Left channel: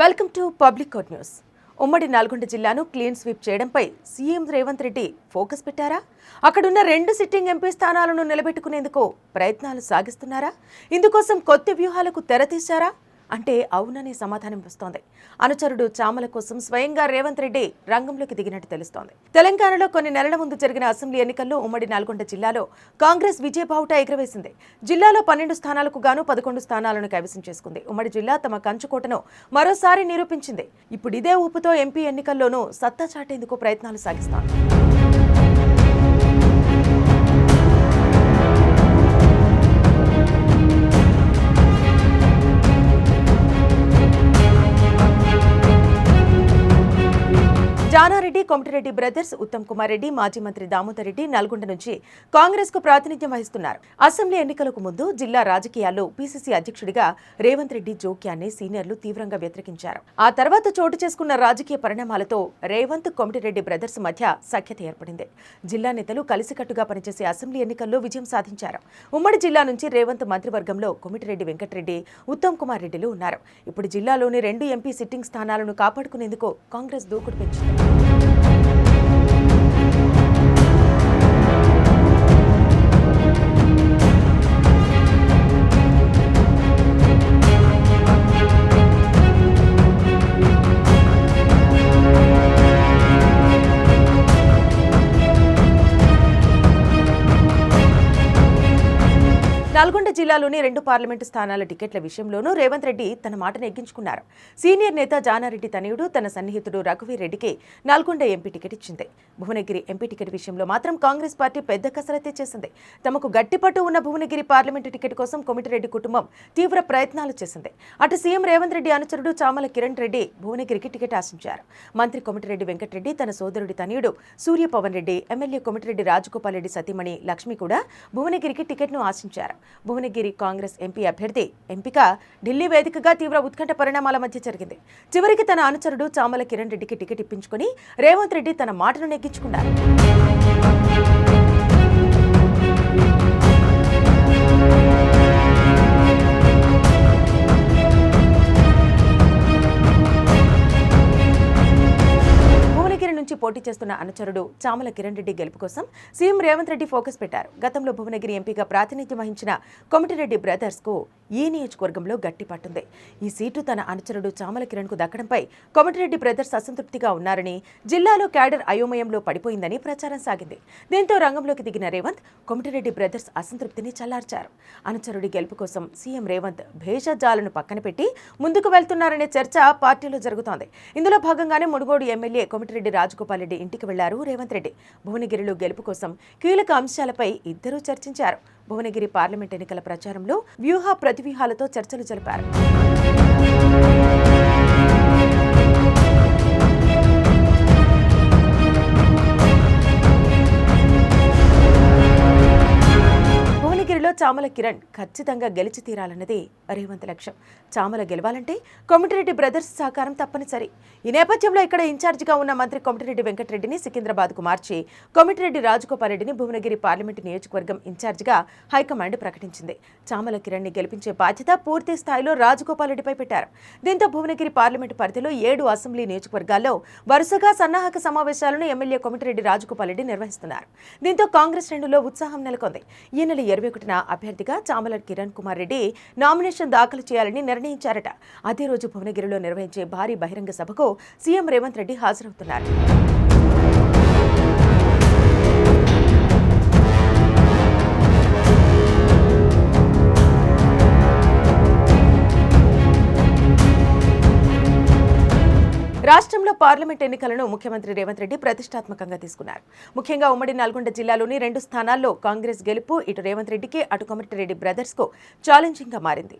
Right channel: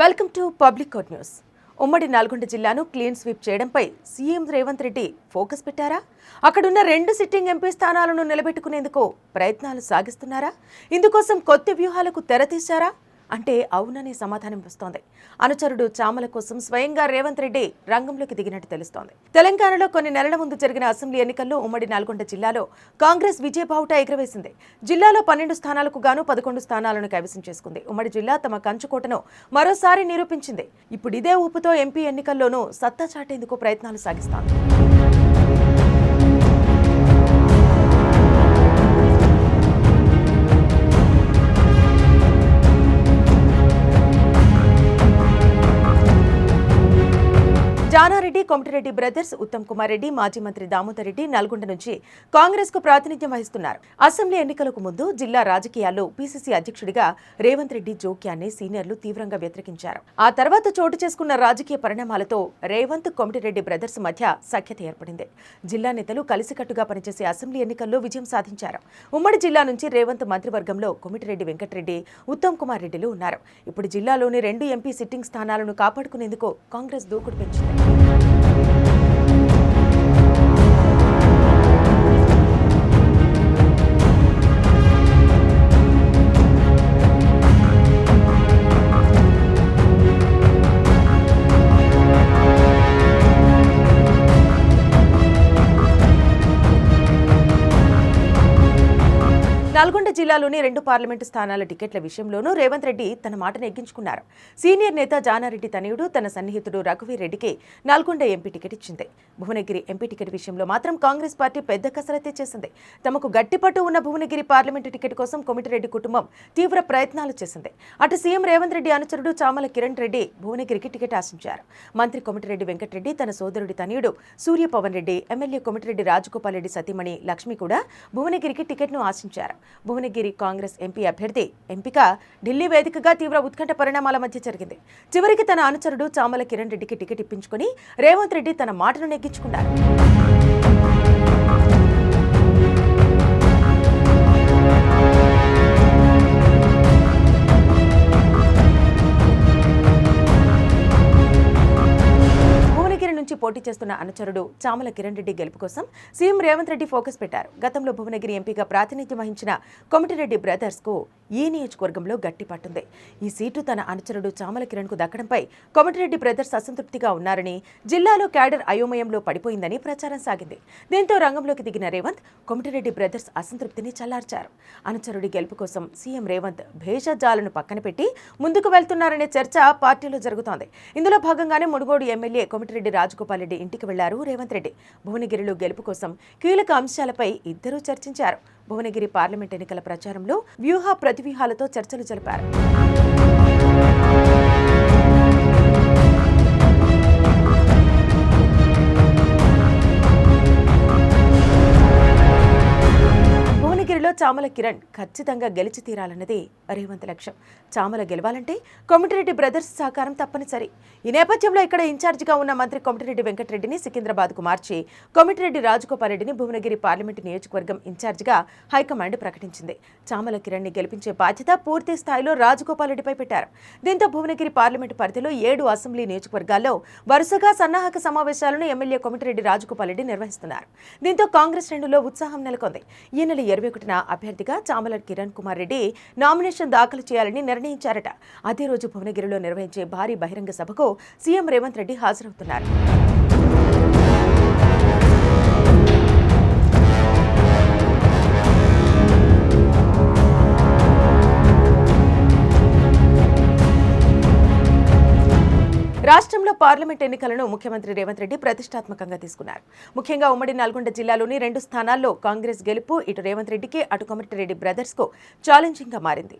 Welcome to public court news. ఉమ్మడి నల్గొండ జిల్లాను clean sweep చేయడంపై సీఎం రేవంత్ రెడ్డి ఫోకస్ పెట్టారా? అక్కడున్న 2 సిట్టింగ్ ఎంపీ స్థానాలను నిలబెట్టుకునేందుకు ప్రయత్నాలు సాగిస్తున్నారా? ఇందుకోసం కొత్త వ్యూహాలకు తెరతీశారా అంటే అవుననే సమాధానం వస్తోంది. అనుచరుడు చామల కోసం స్వయంగా రేవంత్ రెడ్డి రంగంలోకి దిగినట్టు తెలుస్తోంది. తెలంగాణలో కొన్ని నెలల ముందు జరిగిన అసెంబ్లీ ఎన్నికల్లో ఉమ్మడి నల్గొండ జిల్లాలో కాంగ్రెస్ విజయబావుట ఎగురవేసింది. జిల్లాలో 12 స్థానాలకు గాను 11 స్థానాలను కైవసం చేసుకుంది. ఉమ్మడి జిల్లా తమ కంచుకోటను మరోసారి నిరూపించింది. ఇప్పుడు ఇదే ఊపుతో ఎంపీ ఎన్నికల్లోనూ సత్తా చాటేందుకు ప్రయత్నాలు సాగిస్తోంది. జానారెడ్డి, కోమటిరెడ్డి బ్రదర్స్, ఉత్తమ్ కుమార్ రెడ్డి, మాజీ మంత్రి దామోదర్ రెడ్డి నల్గొండ నుంచి కాంగ్రెస్ కు ప్రాతినిధ్యం వహిస్తున్నారు. అసెంబ్లీ ఎన్నికలకు ముందు జిల్లా రాజకీయాల్లో పీసీసీ అధ్యక్షుడిగా రేవంత్ రెడ్డి జోక్యాన్ని సీనియర్లు తీవ్రంగా వ్యతిరేకించారు. ఆ తర్వాత చోటు చేసుకున్న రాజకీయ పరిణామాలతో రేవంత్, కోమటిరెడ్డి బ్రదర్స్ మధ్య సఖ్యత ఏర్పడింది. జిల్లా నేతలు కలిసికట్టుగా పనిచేసే అసెంబ్లీ ఎన్నికల్లో విజయం సాధించారు. ఉమ్మడి జిల్లా నుంచి రేవంత్ మంత్రివర్గంలో కోమటిరెడ్డి వెంకటరెడ్డి, ఉత్తమ్ కుమార్ రెడ్డిలు ఉన్నారు. ఇప్పుడు జిల్లాలోని 2 ఎంపీ సిట్టింగ్ స్థానాలను కాపాడుకునేందుకు కాంగ్రెస్ దూకుడు పెంచింది. నల్గొండ జిల్లాలోని 2 పార్లమెంటు స్థానాల టికెట్ల విషయంలోనూ రేవంత్ రెడ్డి తన మాటను ఎగ్గించుకున్నారు. సీనియర్ నేత జానారెడ్డి తనయుడు తన సన్నిహితుడు రఘువీర్ రెడ్డికి నల్గొండ ఎంపీ టికెట్ ఇచ్చింది. భువనగిరి ఎంపీ టికెట్ విషయంలో మాత్రం కాంగ్రెస్ పార్టీ పెద్ద కసరత్తే చేసింది. తమకు గట్టిపట్టు ఉన్న భువనగిరి పార్లమెంటు టికెట్ కోసం కోమటిరెడ్డి కుటుంబం తీవ్ర ప్రయత్నాలు చేసింది. అటు సీఎం రేవంత్ రెడ్డి అనుచరుడు చామల కిరణ్ రెడ్డి భువనగిరికి టికెట్ ఆశించారు. మంత్రి కోమటిరెడ్డి వెంకటరెడ్డి తన సోదరుడి తనయుడు సూర్యపవన్ రెడ్డి, ఎమ్మెల్యే కోమటిరెడ్డి రాజగోపాల్ రెడ్డి సతీమణి లక్ష్మి కూడా భువనగిరికి టికెట్ను ఆశించారు. భువనగిరి కాంగ్రెస్ ఎంపీ అభ్యర్థి ఎంపిక ఢిల్లీ వేదికగా తీవ్ర ఉత్కంఠ పరిణామాల మధ్య జరిగింది. చివరికి తన అనుచరుడు చామల కిరణ్ రెడ్డికి టికెట్ ఇప్పించుకుని రేవంత్ రెడ్డి తన మాటను నెగ్గించుకున్నారు. నుంచి పోటీ చేస్తున్న అనుచరుడు చామల కిరణ్ రెడ్డి గెలుపు కోసం సీఎం రేవంత్ రెడ్డి ఫోకస్ పెట్టారు. గతంలో భువనగిరి ఎంపీగా ప్రాతినిధ్యం వహించిన కోమటిరెడ్డి బ్రదర్స్ కు ఈ నియోజకవర్గంలో గట్టి పట్టుంది. ఈ సీటు తన అనుచరుడు చామల కిరణ్ కు దక్కడంపై కోమటిరెడ్డి బ్రదర్స్ అసంతృప్తిగా ఉన్నారని, జిల్లాలో క్యాడర్ అయోమయంలో పడిపోయిందని ప్రచారం సాగింది. దీంతో రంగంలోకి దిగిన రేవంత్ కోమటిరెడ్డి బ్రదర్స్ అసంతృప్తిని చల్లార్చారు. అనుచరుడి గెలుపు కోసం సీఎం రేవంత్ భేషజాలను పక్కన పెట్టి ముందుకు వెళ్తున్నారనే చర్చ పార్టీలో జరుగుతోంది. ఇందులో భాగంగానే మునుగోడు ఎమ్మెల్యే కోమటిరెడ్డి రాజగోపాల్ రెడ్డి ఇంటికి వెళ్లారు రేవంత్ రెడ్డి. భువనగిరిలో గెలుపు కోసం కీలక అంశాలపై ఇద్దరూ చర్చించారు. భువనగిరి పార్లమెంట్ ఎన్నికల ప్రచారంలో వ్యూహ ప్రతివ్యూహాలతో చర్చలు జరిపారు. చామల కిరణ్ ఖచ్చితంగా గెలిచి తీరాలన్నది రేవంత్ లక్ష్యం. చామల గెలవాలంటే కోమటిరెడ్డి బ్రదర్స్ సహకారం తప్పనిసరి. ఈ నేపథ్యంలో ఇక్కడ ఇన్ఛార్జిగా ఉన్న మంత్రి కోమటిరెడ్డి వెంకటరెడ్డిని సికింద్రాబాద్కు మార్చి కోమటిరెడ్డి రాజగోపాల్ రెడ్డిని భువనగిరి పార్లమెంటు నియోజకవర్గం ఇన్ఛార్జిగా హైకమాండ్ ప్రకటించింది. చామల కిరణ్ ని గెలిపించే బాధ్యత పూర్తి స్థాయిలో రాజగోపాల్ రెడ్డిపై పెట్టారు. దీంతో భువనగిరి పార్లమెంటు పరిధిలో 7 అసెంబ్లీ నియోజకవర్గాల్లో వరుసగా సన్నాహక సమావేశాలను ఎమ్మెల్యే కోమటిరెడ్డి రాజగోపాల్ రెడ్డి నిర్వహిస్తున్నారు. దీంతో కాంగ్రెస్ శ్రేణుల్లో ఉత్సాహం నెలకొంది. ఈ నెల 21న అభ్యర్థిగా చామల కిరణ్ కుమార్ రెడ్డి నామినేషన్ దాఖలు చేయాలని నిర్ణయించారట. అదే రోజు భువనగిరిలో నిర్వహించే భారీ బహిరంగ సభకు సీఎం రేవంత్ రెడ్డి హాజరవుతున్నారు. రాష్ట్రంలో పార్లమెంట్ ఎన్నికలను ముఖ్యమంత్రి రేవంత్ రెడ్డి ప్రతిష్టాత్మకంగా తీసుకున్నారు. ముఖ్యంగా ఉమ్మడి నల్గొండ జిల్లాలోని 2 స్థానాల్లో కాంగ్రెస్ గెలుపు ఇటు రేవంత్ రెడ్డికి, అటు కోమటిరెడ్డి బ్రదర్స్ కు ఛాలెంజింగ్ గా మారింది.